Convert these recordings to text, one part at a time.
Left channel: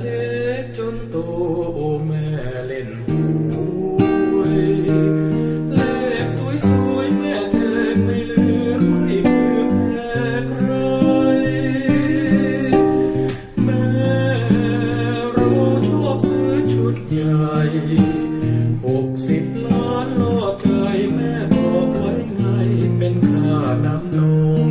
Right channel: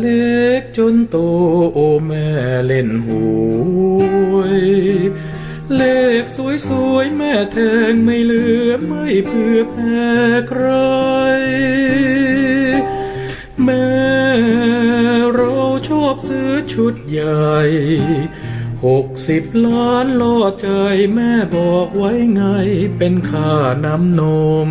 เล็กจนโตโอแม่เล่นหวยเลขสวยๆแม่แทงไม่เลือกไม่เพื่อแพ้ใครแม่เราชอบซื้อชุดใหญ่หกสิบล้านล่อใจแม่บอกไว้ไงเป็นค่าน้ำนม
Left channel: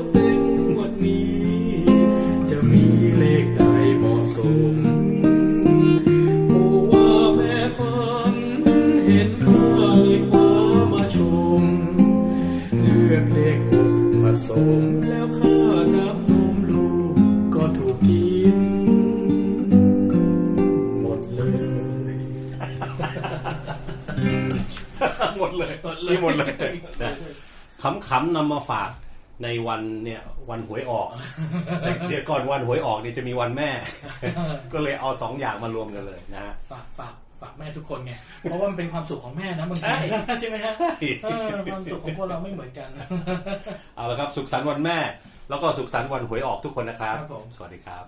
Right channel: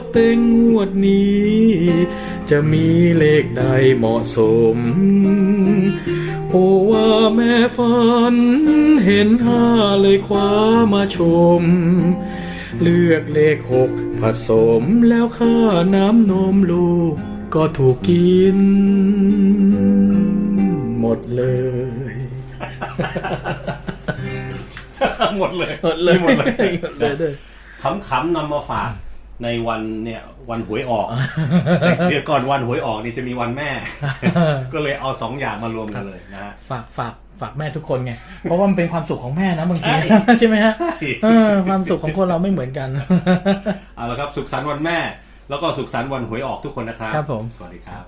ขโต๊ะเต็งงวดนี้ จะมีเลขใดเหมาะสมโอ้ว่าแม่ฝัน เห็นห้าเลยคว้ามาชม เลือกเลขหกผสมแล้วค่าน้ำนมลูก ก็ถูกกิน หมดเลย หมดเลยหมดเลยหมดเลยหมดเลยด้วยขำๆนำมาฝาก ในวันเนี่ยวันหวยออกแต่เดี๋ยวก่อนวันหวยออกนี่จะมีวันแม่ ก็เลยเอาสองอย่างมารวมกันเลยนะฮะฝากฝากฝากแม่ทุกคนไง เพราะว่ามันเป็นความสุขของแม่นะบางทีใช่ใช่ไหมฮะใช่เออความสุขของคนเราไม่เหมือนกัน เอาละครับ สุขสันต์วันแม่ แล้วก็สุขสันต์วันหวยออกทุกคนนะครับ ครับผม สวัสดีครับ